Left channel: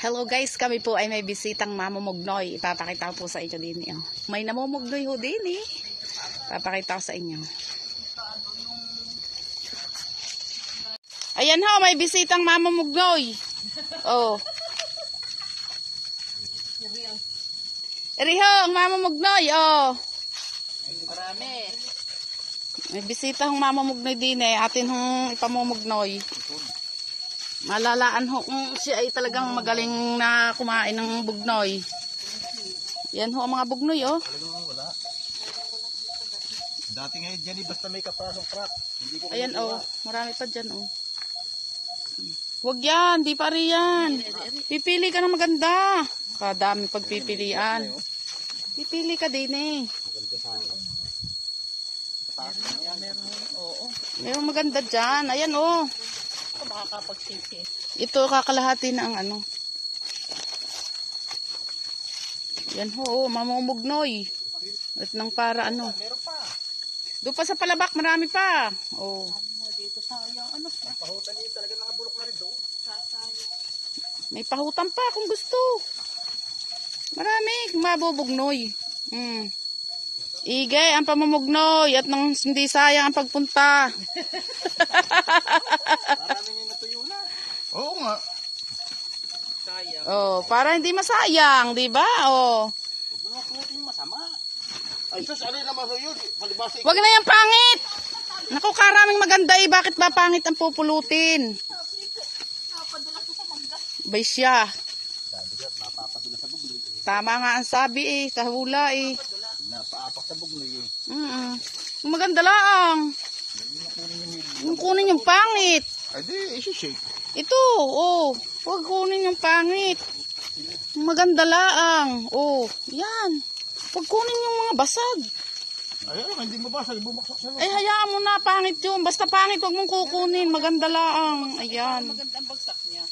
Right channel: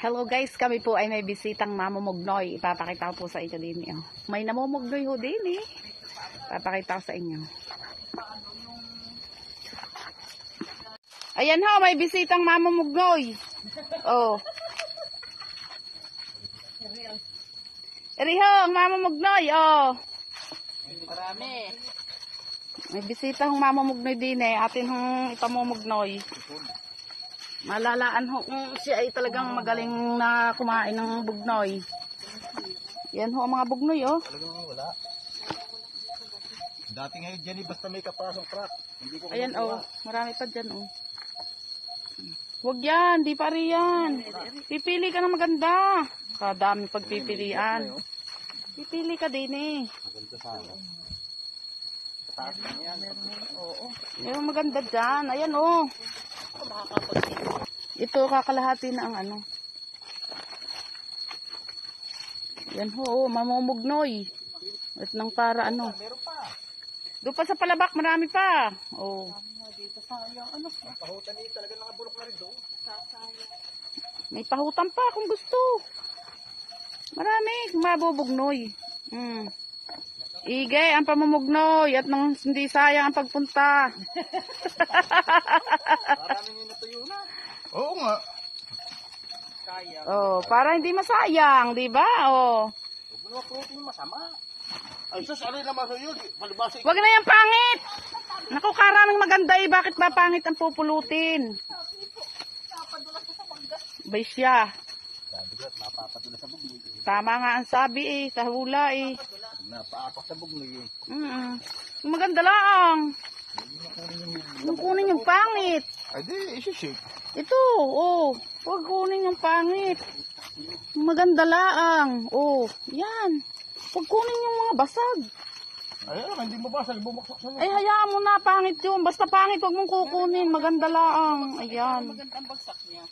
Hello guys, kami po ay may bisitang mamumugnoy. Ipapakita ko po sa inyo din. May namumugnoy ho din eh. Ipapakita ko sa inyo. Ayan ho, may bisitang mamumugnoy. Oh. Eri ho, ang mamumugnoy. Oh. Marami. May bisitang mamumugnoy din eh. Atin hong ipamumugnoy. Malalaan ho kung siya ay talagang magaling na kumain ng bugnoy. Yan ho ang mga bugnoy oh. Talagang wala. Dati ngayon dyan basta may kaprasong crack. Ayan oh, marami pa dyan oh. Huwag yan, di pa rin yan. Pipili ka ng maganda. Kadami pagpipilian. Pipili ka din eh. Maganda sana. Meron maganda dyan. Ayan oh. Ito kakalahati na ang ano. Yan ho, mamumugnoy. At nang para ano. Doon pa sa palabak, marami pa. Oh. Pahutan niyo talaga nakabulok na rin doon. May pahutan pa kung gusto. Marami, mabubugnoy. Igay ang pamumugnoy at nang hindi sayang ang pagpunta. Marami niyo natuyo na. Oo nga. Sayang. Oh, para hindi masayang, 'di ba? Oh. Huwag mo na pulutin yung masama. Ay, sus, ano yung naman sa'yo? Palibasa. Wag na yung pangit. Naku, karaming maganda eh. Bakit ba pangit ang pupulutin? Bay siya. Sabi ko, napapadula sa bugloy. Tama nga ang sabi eh. Kahula eh. Napaapak sa bugloy eh. Yung maganda lang. Yung kunin yung pangit. Ay, di, isi-shake. Ito, oh. Huwag kunin yung pangit. Yung maganda lang. Oh, yan. Huwag kunin yung mga basag. Ay, hindi mabasag. Bumaksak sa Ay, hayaan mo na. Pangit yun. Basta pangit, huwag mong kukunin. Maganda lang. Ayan. Maganda ang bagsak niya.